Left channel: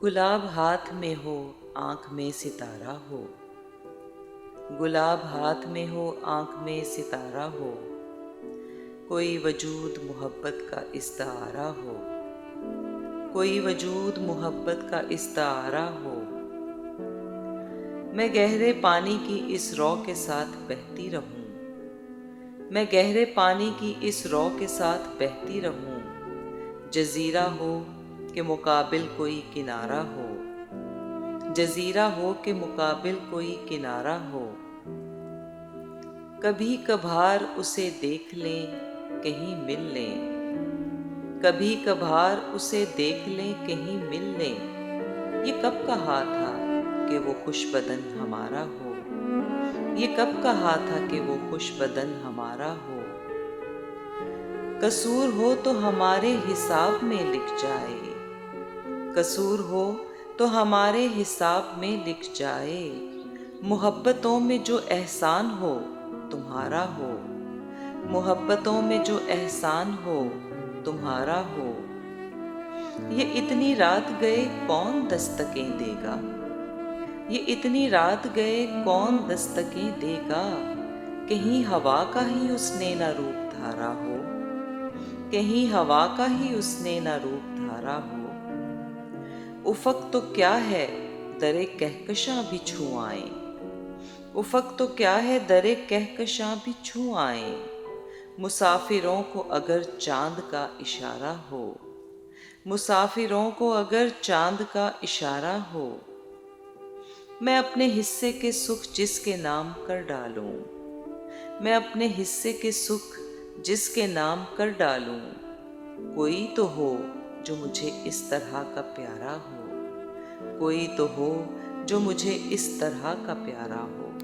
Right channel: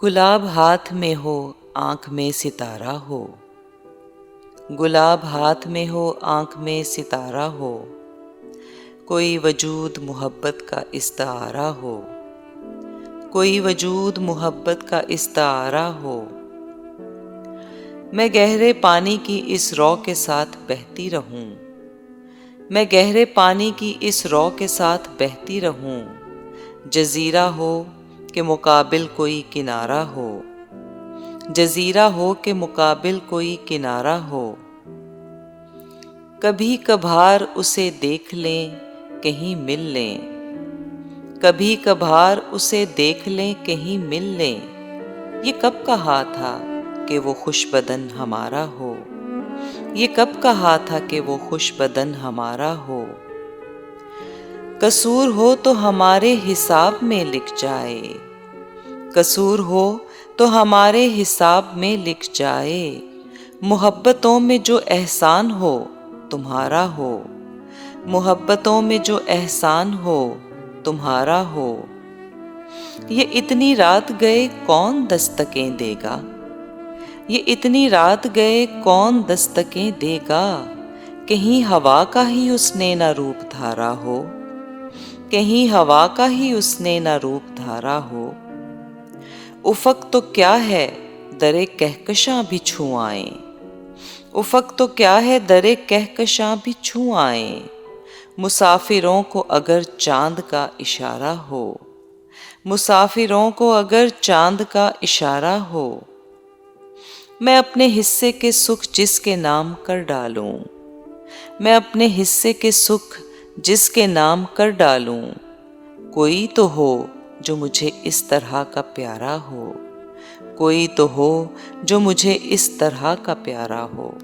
गुलाब हाथ में हो, आँख में सितारा हो। गुलाब हाथ में हो, आँख में सितारा हो। कोई वजूद मोहब्बत का इस्तारा हो। कोई वजूद मोहब्बत का इस्तारा हो। मैं गहरे पानी की इस रौ के साथ बहती रहूं। मैं गहरे पानी की इस रौ के साथ बहती रहूं। जजीरा हो के मुकाबिल कोई किनारा हो। जजीरा हो के मुकाबिल कोई किनारा हो। कभी कभार उसे देख लें, कहीं मिल लें। कभी कभार उसे देख लें, कहीं मिल लें। ये कब कहा था कि वो खुशबदन हमारा हो। ये कब कहा था कि वो खुशबदन हमारा हो। कसूर हो तो हमारे हिसाब में लिख जाए। कसूर हो तो हमारे हिसाब में लिख जाए। मोहब्बतों में जो एहसान हो तुम्हारा हो। मोहब्बतों में जो एहसान हो तुम्हारा हो। ये इतनी रात गए कौन दस्तकें देगा। ये इतनी रात गए कौन दस्तकें देगा। कहीं हवा का ही उसने न रूप धारा हो। कहीं हवा का ही उसने न रूप धारा हो। उफक तो क्या है दरे कहकशां भी छू आए। उफक तो क्या है दरे कहकशां भी छू आए। मुसाफिरों को अगर चांद का इशारा हो। मुसाफिरों को अगर चांद का इशारा हो। मैं अपने हिस्से के सुख जिसके नाम कर डालूं। मैं अपने हिस्से के सुख जिसके नाम कर डालूं। कोई तो हो जो मुझे इस तरह का प्यारा हो। कोई तो हो जो मुझे इस तरह का प्यारा हो।